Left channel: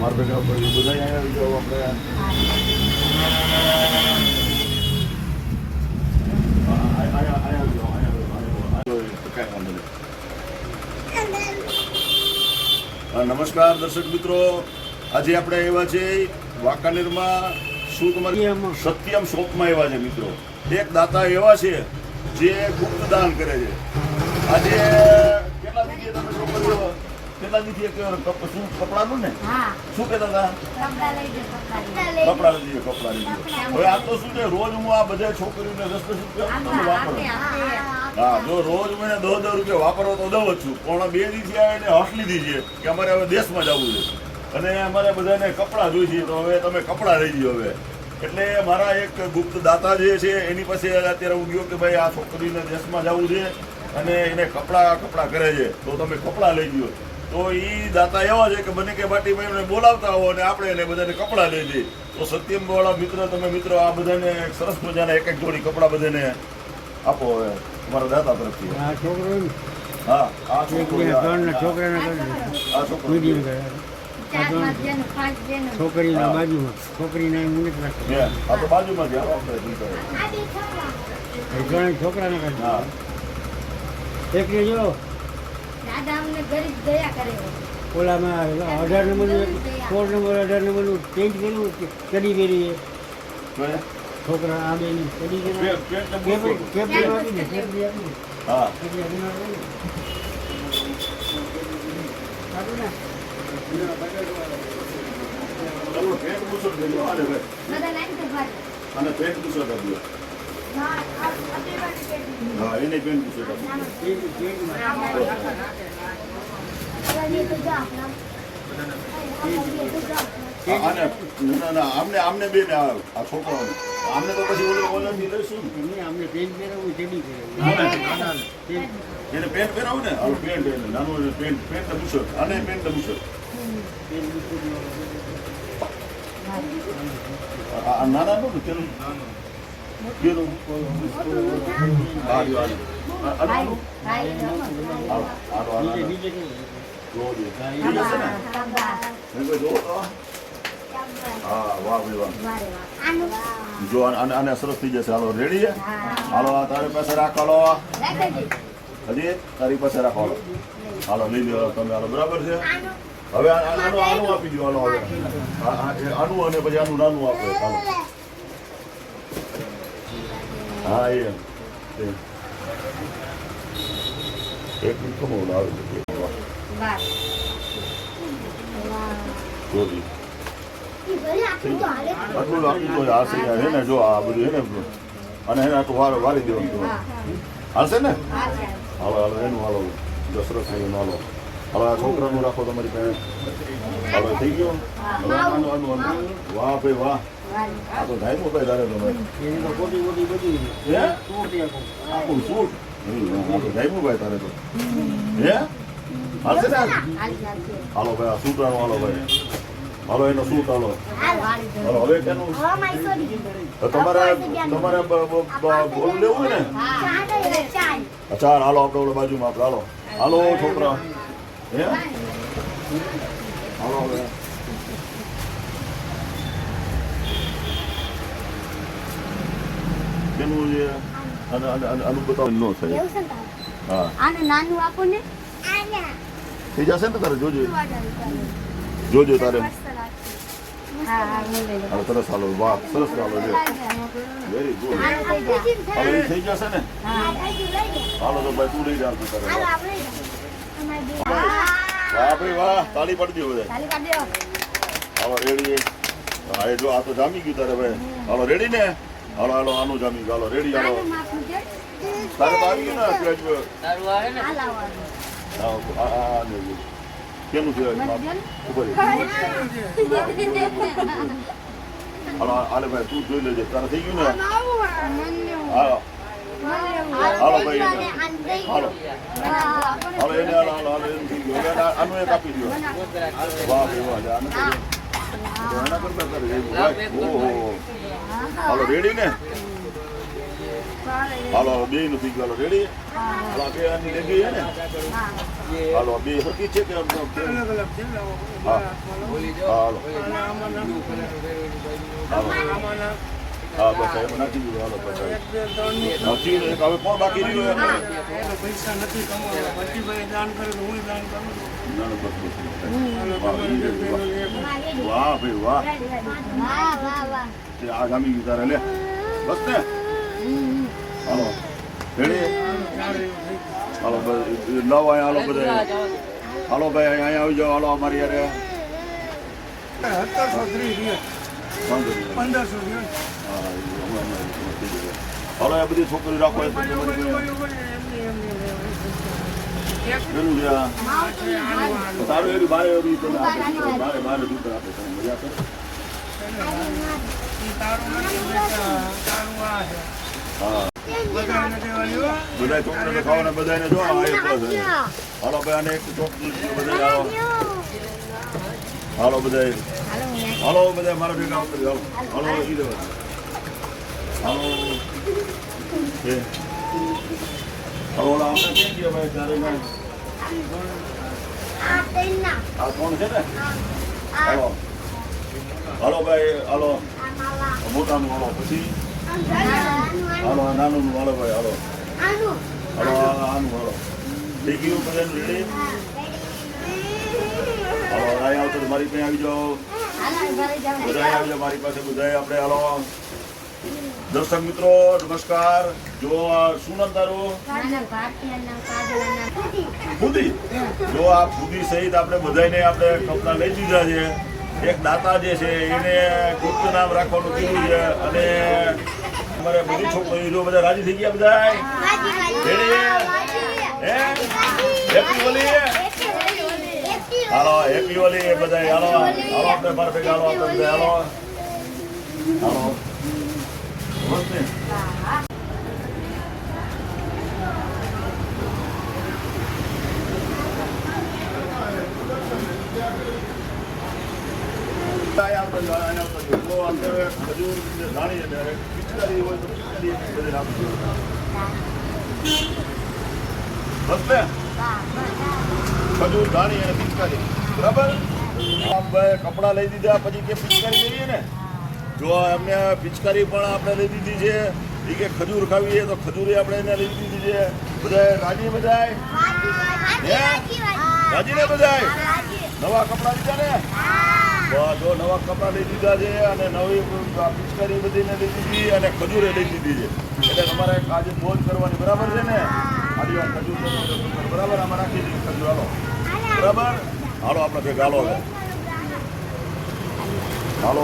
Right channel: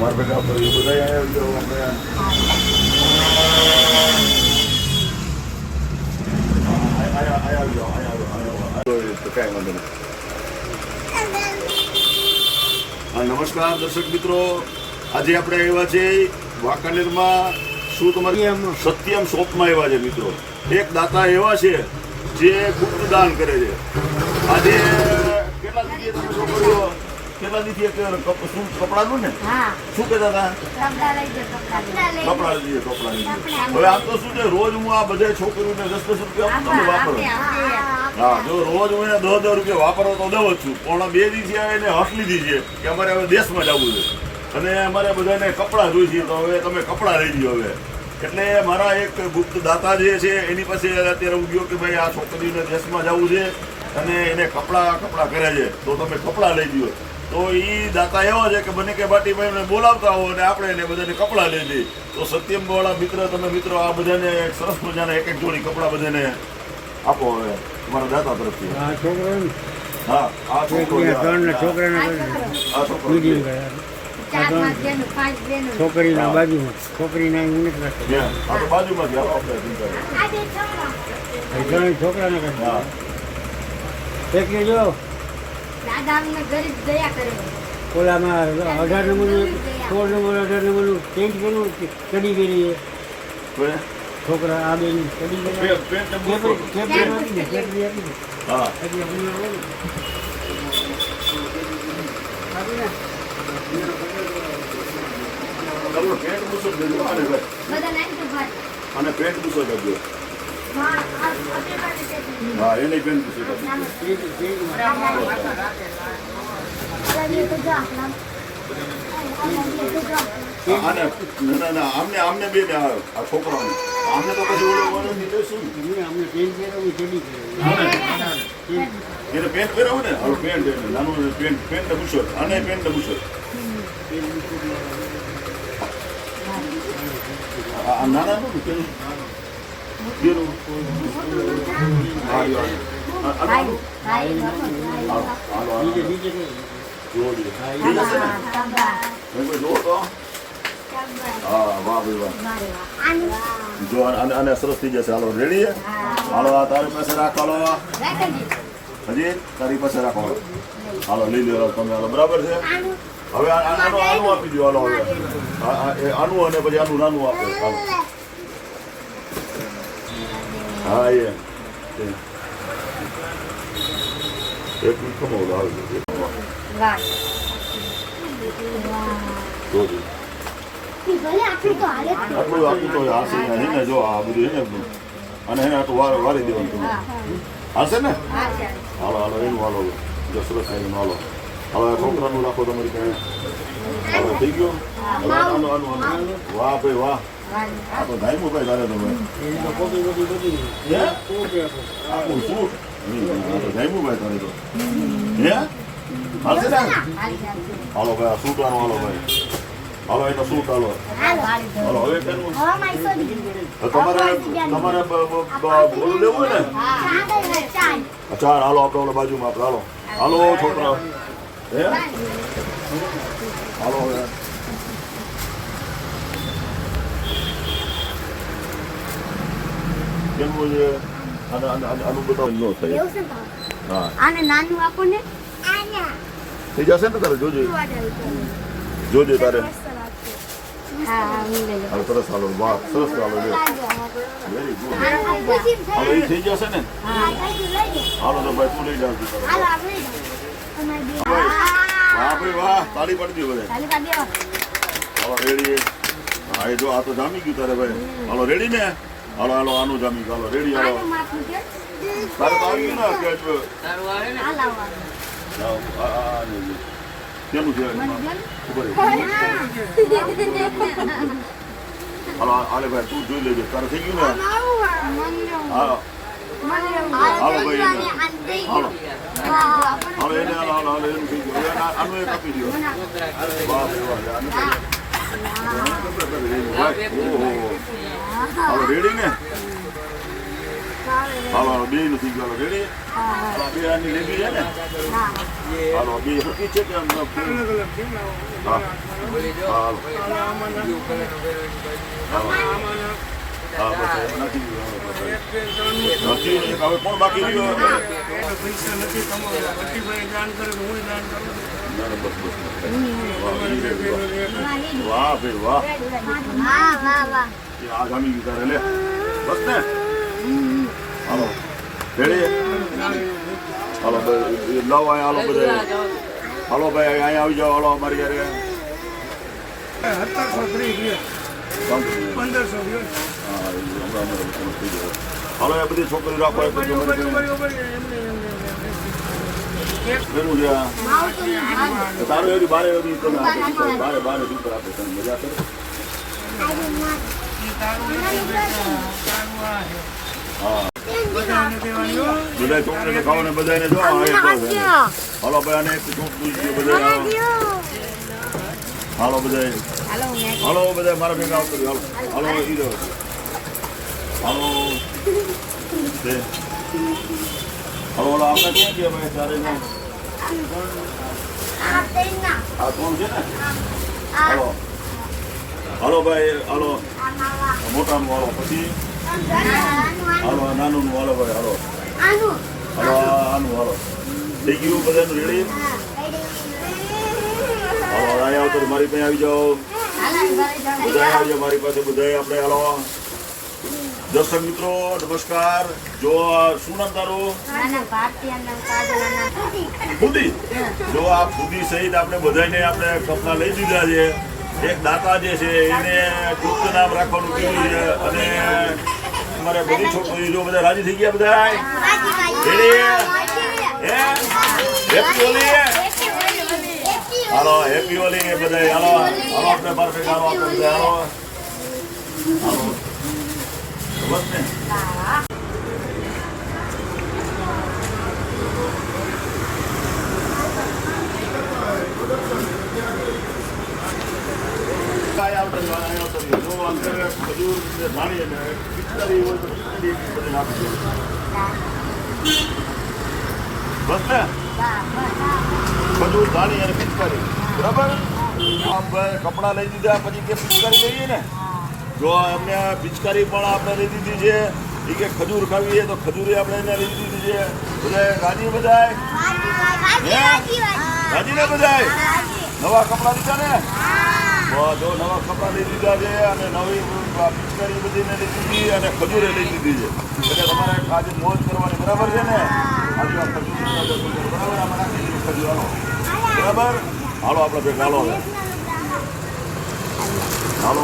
મારા બેટા ઉપર એ બધા જો આપણે નમસ્કાર દર્શક મિત્રો. આજે આપણે આવ્યા છે વાંકાનેરમાં. શું તમારી સત્યમ શોપમાં આવ્યા છે મિત્રો? એક દાતા એવા છે જે ગુપ્ત દાન કરે છે. આજે કેટલા દીધી તમે છોકરીઓ કેટલા દીધી એક શું કપડાનું ને? શું કહેતા હતા? કપડા લઈ કપડા લઈ જાઓ. કપડા લઈએ કપડા લઈએ હવે આમ તો શું છે? રોજ હું આ બધા છોકરીઓને દસ દસ રૂપિયા આપું વાપરો. હા જો રોજ હું એને દસ દસ રૂપિયા વાપરવો તો દઉં જ છું. પણ બે દિવસે આ એને હસ લીધી છે કે અમારે હવે દેશમાં જવું છે. અને અમારે બધાને કપડાં જોઈ છે તો હવે તમે કપડાં લઈ લ્યો હવે. એટલે મારા એક ગુપ્ત દાતા જે છે એની પાસે અત્યારે હું ગયો કે ભાઈ આ છોકરીને દેશમાં જવું છે અને એને કપડાં કપડાં કરે છે. તો તમે કપડાં લઈ લ્યો. તો એ દાતા એવા છે કે બને કે બાટી ભાઈને બોલાવતા હો અને આપણે એને બધાને કપડાં લઈ જઈએ તો સત્યમ વાળા મિત્ર તમે મિત્રો આ બધાને એક સરસ મજાના એક એક જોડી કપડાં બધાને આપો હવે તમારા દાતા તરફથી. આ છોકરાને? હા આ એક છોકરાને કરી દીધું. આ છોકરો. મીડિયમ છે. ગયા ચાર પાંચ જણો, પાંચ જણો. છોકરીના બાજુમાં. છોકરીના અહીં નથી રાખી આ બાજુમાં છોકરાને કરી હા. દીધું. એકને જો. દાદા અમને ગરીબ દયા કરે. ઓલામાં અઢાર નંબરનું સોળ નંબર અઢાર નંબરનું ચેન્જ કર્યું ચડી પહેરી એ છોકરા આ બે દે હા. કરજો હા, એને પેન્ટ બૂસો કરજો નાનો. પેન્ટ- પેન્ટમાં. આ દાદી. આ દાદી તો જા, નાનો. આ દાદી તો જા. આ- આને ના ના આમને આમને આ છોકરાઓને આમને તો પછી ઓલો ઓલો ની લઈશું ને. એમને અમને પેન્ટ પહેરાવું ચડી એને પેન્ટ પહેરાવું ને હવે પેન્ટ નાનું પેન્ટ પેન્ટ ને બૂશર્ટ આને પેન્ટ આ નાના ને? જો અને અને સરસ થઈ જશે હાલો રેડી હાલો આ તારી પાસે રાખ હાલો. હજી તારી પાસે રાખો હાલો લઈ લો તમે હાલો બરાબર છે હવે આનું આપી દો હાલો આનું અને પછી આનું નાનું આપો હા એ. એક મિનિટ કમો આવે છે વાહ. જોજો. આટલું તો હશે હે ને જો આ બધું હે ને અને એને આટલું વાર વાળી દેવાનું તમે હાલશે ને હાલો હાલો એનું હાલો જો સરસ એનું હાલો હવે આ છોકરાનું રાખો તમારી પાસે થઈ ગયો વાહ ભાઈ વાહ. આ તો ભાઈ તારે એમાં ખોટી ખોટી હે? આખું તો ધાઈમો ભાઈ તારે તો હે? હાલશે ને? હાલ, ભાઈ આ સૂટ આનો હાલો ભાઈ? હાલો એનો સૂટ હાલો? હાલ, હવે સોડી. તમારે તમારે બોલું લેવું ને? ચાર હાલો આપણે ઓલા બાજુમાં આપણે હાલો. હાલો છોકરા. હે? હાલો કેનું છે આનું- આનું- આનું- આનું બતાવું ન થાય એવું છે હા. આને નાનું આપો ને. થઈ જશે ને તારે જોજે. જોજે તારે સરસ હાલો વાહ સરસ હાલો જો વેરી ગુડ હવે એ થઈ જશે ને? હાલો તો ભાઈ તું લઈ. વાહ ભાઈ વાહ તાળી પડજો બધા. હાલો રેડી હા એ જો આ તો જામી ગયું તારે ભાઈ. હાલો રેડી ને? હાલો હાલો આનું જામી ચાલો હાલો રેડી હાલો. આનું માથું છે. તારે તો આવી ને? જો આ. આ ને. ખબર છે. હાલો હાલે ભાઈ તું જોઈ લેજે. તારે થઈ ગયું ને? હાલો ભાઈ આને આને દઈ હાલો. દો. હા, આપણને હાલો એને હાલો હાલો હાલો એનું થઈ ગયું. આનું એક આપી દો વાહ વાહ આનું. ઓહો. હાલો રેડી ને હાલો બે નથી ગયો રેડી હાલો બે આની લેગી છે ને હાલો બે હતી છે કે એમ? હા હાલો હા બસ સાહેબ નાખી દીધું હાલો બસ નથી હવે કોણ બાકી રહ્યું ના ના ઈ રે, વાહ વાહ ભાઈ વાહ આ જામી ગયું લે બસ ને હાલો રેડી હાલો નવ હાલો બધા હાલો ભાઈ અહીંયા આવી જાઓ હાલો રાખો બધી છોકરીને ખાઓ બધાને જો. હાલો ભાઈ એક છોકરી બધા. હાલો બધા. હાલો, બધા. મારા ભેગા આવતો હાલો. હાલો, ઈ રહ્યો. હાલો. ઓલા આપણે ક્યાં ગયા ભાઈ? તારે ના આ કોણ છે ને? હાલો. હાલો ભાઈ, હાલો. મોટાનું હાલો. પછી? હાલો, આ નાનું હાલો ભાઈ, હાલો. હાલો, આ આનું હાલો. થઈ ગયું રેડી હાલો આવતો તો મારી પાસે આવી જાઓ. બધા આવી જાઓ મારી પાસે બધા આપણે હાલો. દર્શક મિત્રો નમસ્કાર. જો શું નામ તારું? ફૂદી. જો આ ફૂદી સહિત આપણે બધાને આપણે કપના લઈ દીધા છે. એક દાતા જે છે એને ગુપ્ત નામ રાખવાનું કીધું છે અને અમારે બધી છોકરીઓ જો બધા રાજી થઈ ગયા બધા હે હેપી હોલી હાલો હેપી હોલી બધા હાલો હાલો આપણે પરફેક્ટ હાલો આપણે બધા હાલો. હાલો. બસ ને બધી ધાણી અને પિચકારી બરાબર કપડાં લઈ દીધા પછી કે પિચકારી લઈએ ને જો એમને પિચકારી પણ આપણે લઈ દીધી છે એ કે ખજૂર ખાવી છે તો ખજૂરે આપણે એને લઈ દીધી છે. બધા ગાજી બધાય રાજી ને બધાય નવા કપડાં લીધા ને? જો નવા કપડાં લઈ દીધા છે અને નવી પિચકારી બધીને લઈ દીધી અને ખજૂરે લઈ દીધી છે. એટલે તમારે આજે મોજ કરવાની બરાબર છે ને? આજે આ ખજૂર બરાબર આમાં નાખી ખજૂર હાલો. બરાબર? હાલો આપણે ભેગા હાલો. હાલો.